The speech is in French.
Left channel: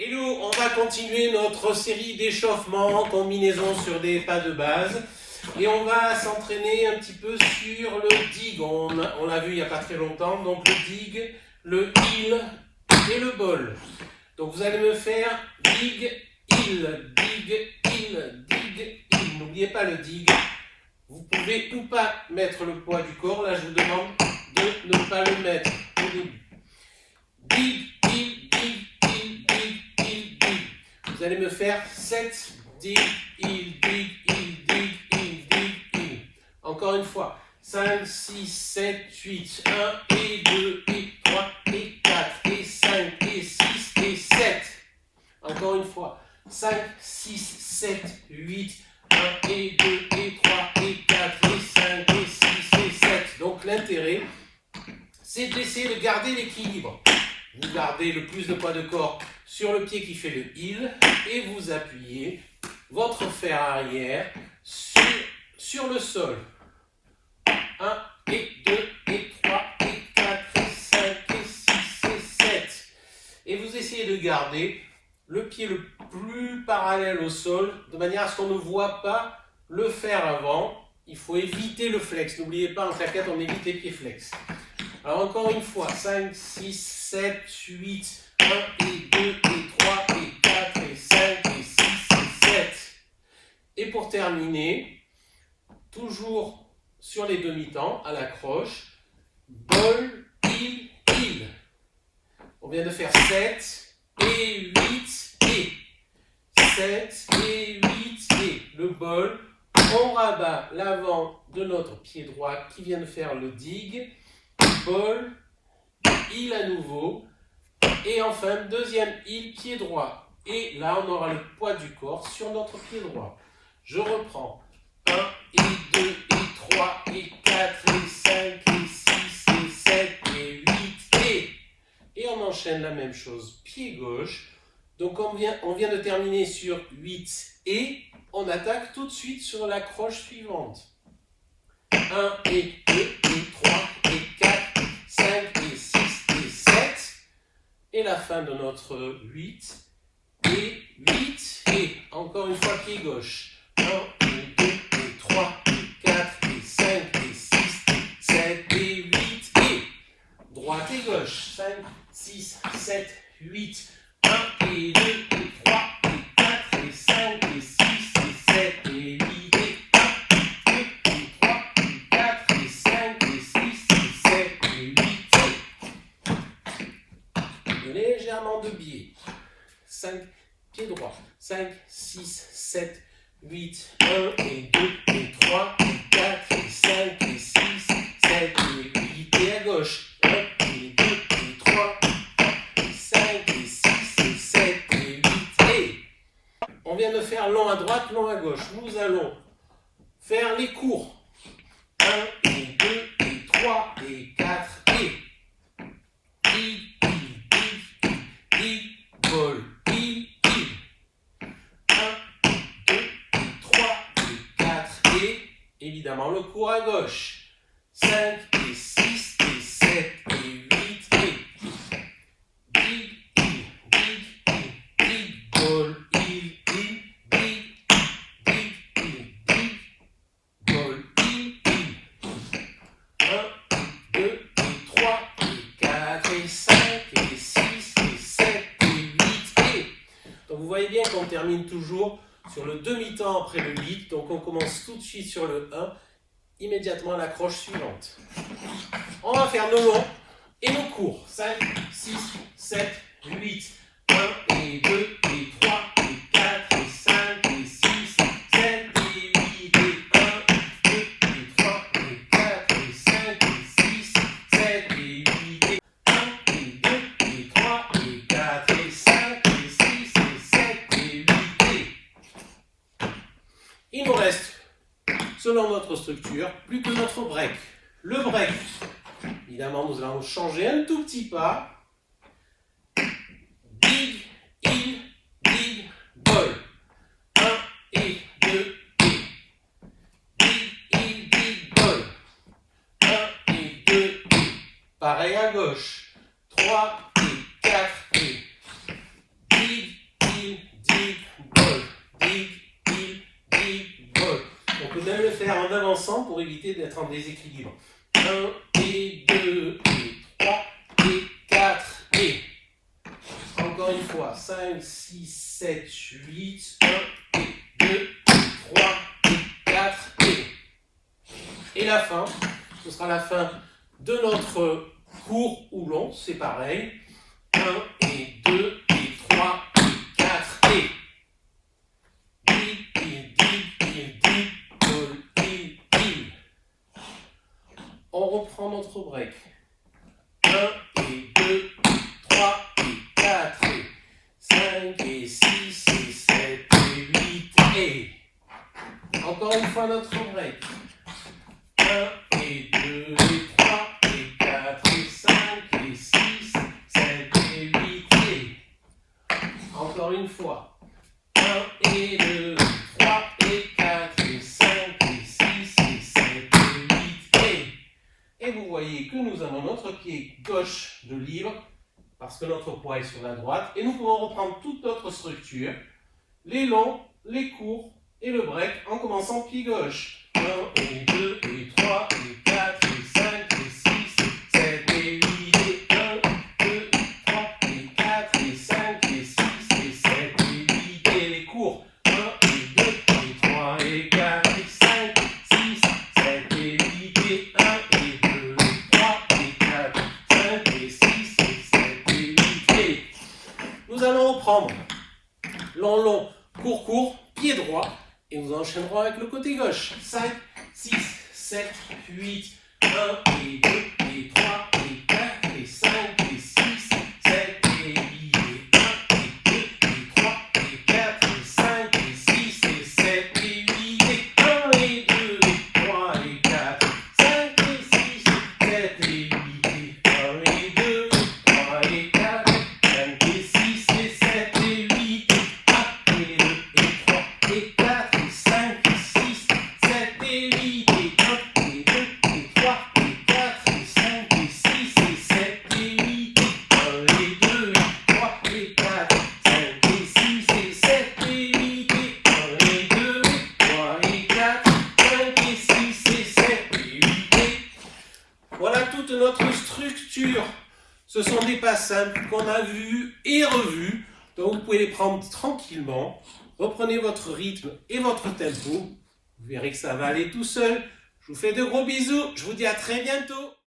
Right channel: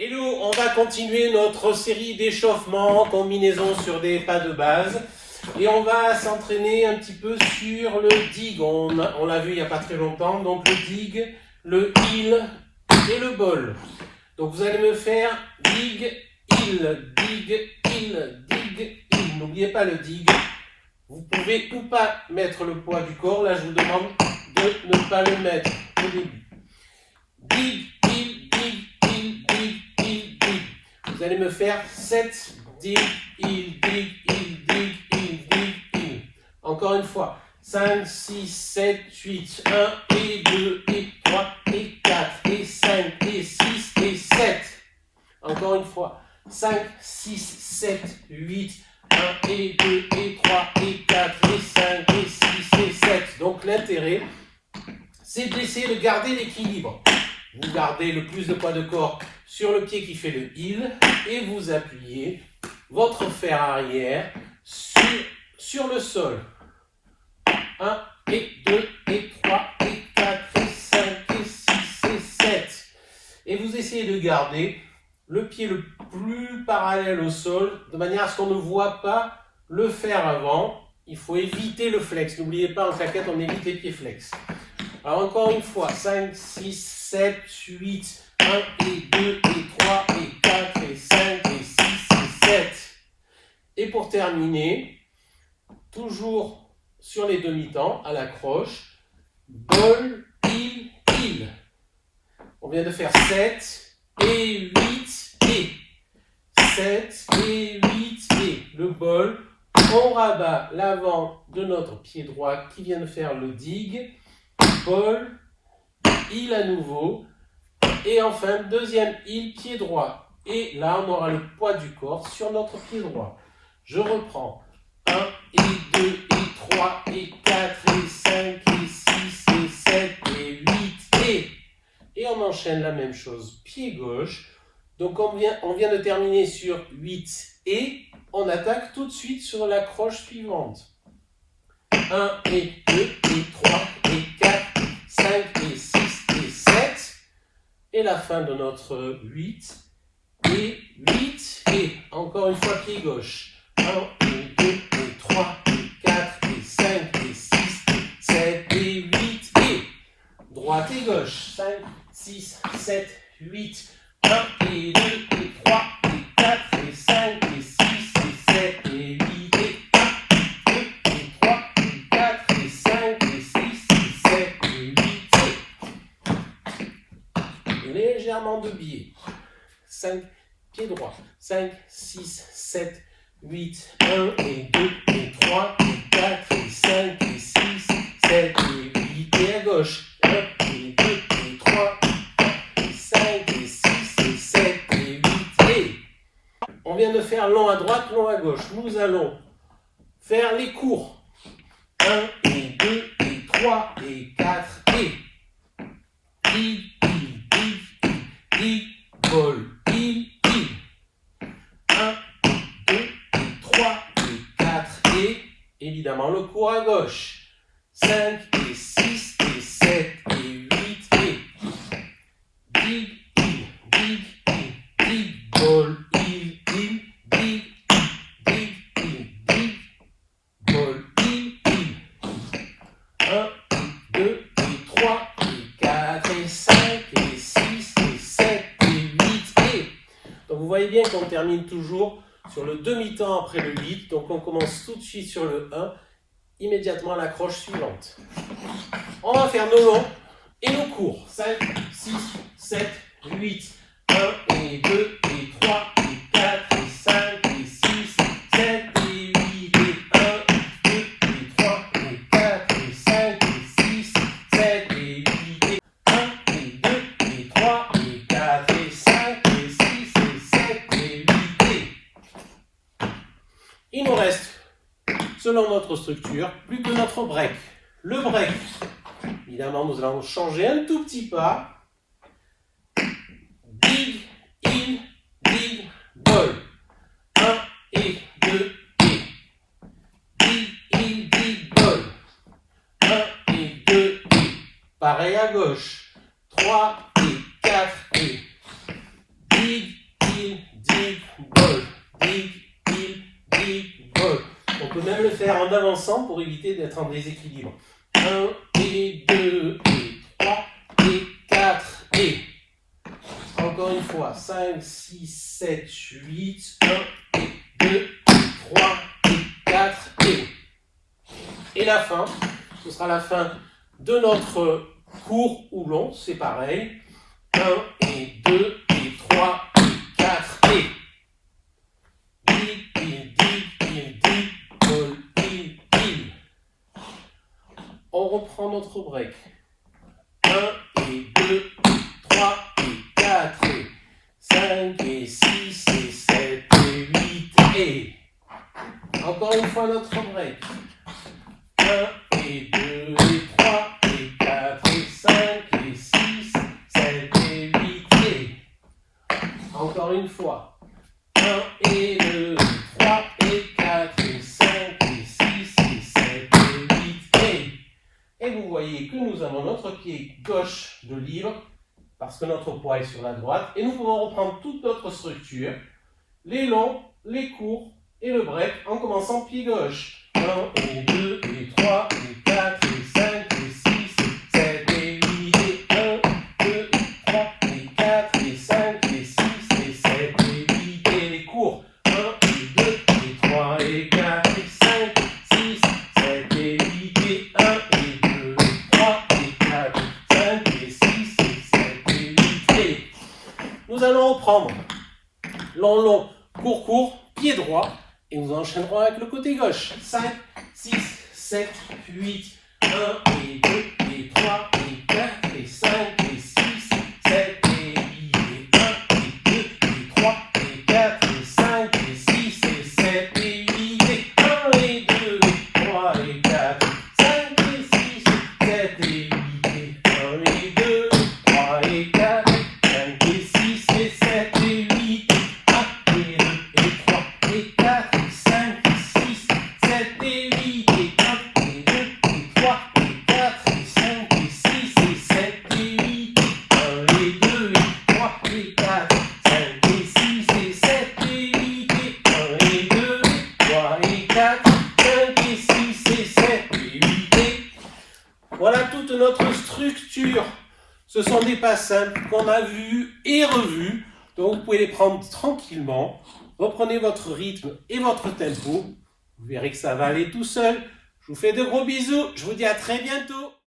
Hello, on va continuer notre série d'échauffement, combinaison sur des pas de base. Et on va s'entraîner un petit peu sur le dig. On l'a vu il n'y a pas très longtemps. Donc le dig, le heel et le ball. Donc vous allez me faire dig, heel, dig, heel, dig, heel. N'oubliez pas le dig. Vous pouvez ou pas mettre le poids du corps. Là, je vous demande de ne pas le mettre au début. Dig, heel, dig, heel, dig, heel, dig. Vous allez me faire 7 dig, heel, dig, heel, dig, heel, dig, heel. Encore une fois. 5, 6, 7, 8. 1 et 2 et 3 et 4 et 5 et 6 et 7. Encore une fois. 5, 6, 7, 8. 1 et 2 et 3 et 4 et 5 et 6 et 7. Donc l'intérêt, c'est d'essayer de garder l'équilibre. Vous gardez le plus de poids de corps sur le pied qui fait le heel et vous appuyez votre fer arrière sur le sol. 1 et 2 et 3 et 4 et 5 et 6 et 7. Et vous essayez de garder le pied le plus parallèle au sol de manière à ce qu'on ne voit pas le fer avant. Il faut éviter le flex. N'oubliez pas, en claquette, on évite les pieds flex. Alors encore une fois, 5, 6, 7, 8, 1 et 2 et 3 et 4 et 5 et 6 et 7. Et pour terminer, toujours sur les demi-temps, à la croche, ball, heel, heel. On vient de faire 7 et 8 et 7 et 8 et le ball. On rabat l'avant de notre pied droit qui vient de faire le dig. Ball, heel à nouveau, et enfin deuxième heel, pied droit. Et là, on aura le poids du corps sur notre pied droit. Je reprends 1 et 2 et 3 et 4 et 5 et 6 et 7 et 8 et on enchaîne la même chose, pied gauche. Donc on vient de terminer sur 8 et on attaque tout de suite sur la croche suivante. 1 et 2 et 3 et 4, 5 et 6 et 7. Et la fin de notre 8 et 8 et encore une fois pied gauche. 1 et 2 et 3 et 4 et 5 et 6 et 7 et 8 et droite et gauche. 5, 6, 7, 8. 1 et 2 et 3 et 4 et 5 et 6 et 7 et 8 et 1 et 3 et 4 et 5 et 6 et 7 et 8 et légèrement de biais. 5 pieds droits. 5, 6, 7, 8, 1 et 2 et 3 et 4 et 5 et 6, 7 et 8 et à gauche. 1 et 2 et 3 et 5 et 6 et 7 et 8 et on vient de faire long à droite, long à gauche. Nous allons faire les courts. 1 et 2 et 3 et 4 et dig, dig, dig, dig, ball, dig, dig. 1, 2 et 3 et 4 et évidemment le court à gauche. 5 et 6 et 7 et 8 et dig, dig, dig, dig, ball, dig, dig, dig, dig, dig, dig, ball, dig, dig. 1, 2 et 3 et 4 et 5 et 6 et 7 et 8 et... Donc vous voyez bien qu'on termine toujours sur le demi-temps après le 8. Donc on commence tout de suite sur le 1, immédiatement à la croche suivante. On va faire nos longs et nos courts. 5, 6, 7, 8, 1 et 2 et 3 et 4 et 5 et 6, 7 et 8 et 1, 2 et 3 et 4 et 5 et 6, 7 et 8 et 1 et 2 et 3 et 4 et 5 et 6 et 7 et 8 et... Il nous reste, selon notre structure, plus que notre break. Le break, évidemment, nous allons changer un tout petit pas. Dig, heel, dig, ball. 1 et 2 et dig, heel, dig, ball. 1 et 2 et pareil à gauche. 3 et 4 et dig, il, dig, ball, dig, il, dig, ball. On peut même le faire en avançant pour éviter d'être en déséquilibre. 1 et 2 et 3 et 4 et... Encore une fois, 5, 6, 7, 8, 1 et 2, 3 et 4 et... Et la fin, ce sera la fin de notre court ou long, c'est pareil. 1 et 2 et 3 et 4 et... On reprend notre break. 1 et 2 et 3 et 4 et 5 et 6 et 7 et 8 et... Encore une fois notre break. 1 et 2 et 3 et 4 et 5 et 6, 7 et 8 et... Encore une fois. 1 et 2 et 3 et 4 et 5 et 6 et 7 et 8 et... Et vous voyez que nous avons notre pied gauche de libre parce que notre poids est sur la droite. Et nous pouvons reprendre toute notre structure, les longs, les courts et le break en commençant pied gauche. 1 et 2 et 3 et 4 et 5 et 6 et 7 et 8 et 1, 2 et 3 et 4 et 5 et 6 et 7 et 8 et les courts. 1 et 2 et 3 et 4 et 5 et 6, 7 et 8 et 1 et 2 et 3 et 4 et 5 et 6 et 7 et 8 et... Nous allons reprendre long, long, court, court, pied droit. Et nous enchaînerons avec le côté gauche. 5, 6, 7, 8, 1 et 2 et 3 et 4 et 5 et 6, 7 et 8 et 1 et 2 et 3 et 4 et 5 et 6 et 7 et 8 et 1 et 2 et 3 et 4 et 5 et 6 et 7 et 8 et 1 et 2 et 3 et 4 et 5 et 6 et 7 et 8 et 1 et 2 et 3 et 4 et 5 et 6, 7 et 8 et 1 et 2 et 3 et 4 et 5 et 6 et 7 et 8 et 1 et 2 et 3 et 4 5 et 6 et 7 et 8 et 1 et 2 et 3 et 4 5 et 6 et 7 et 8 et... Voilà toute notre structure. Ce sont des pas simples qu'on a vus et revus. Donc vous pouvez les prendre tranquillement. Reprenez votre rythme et votre tempo. Vous verrez que ça va aller tout seul. Je vous fais de gros bisous. Je vous dis à très bientôt.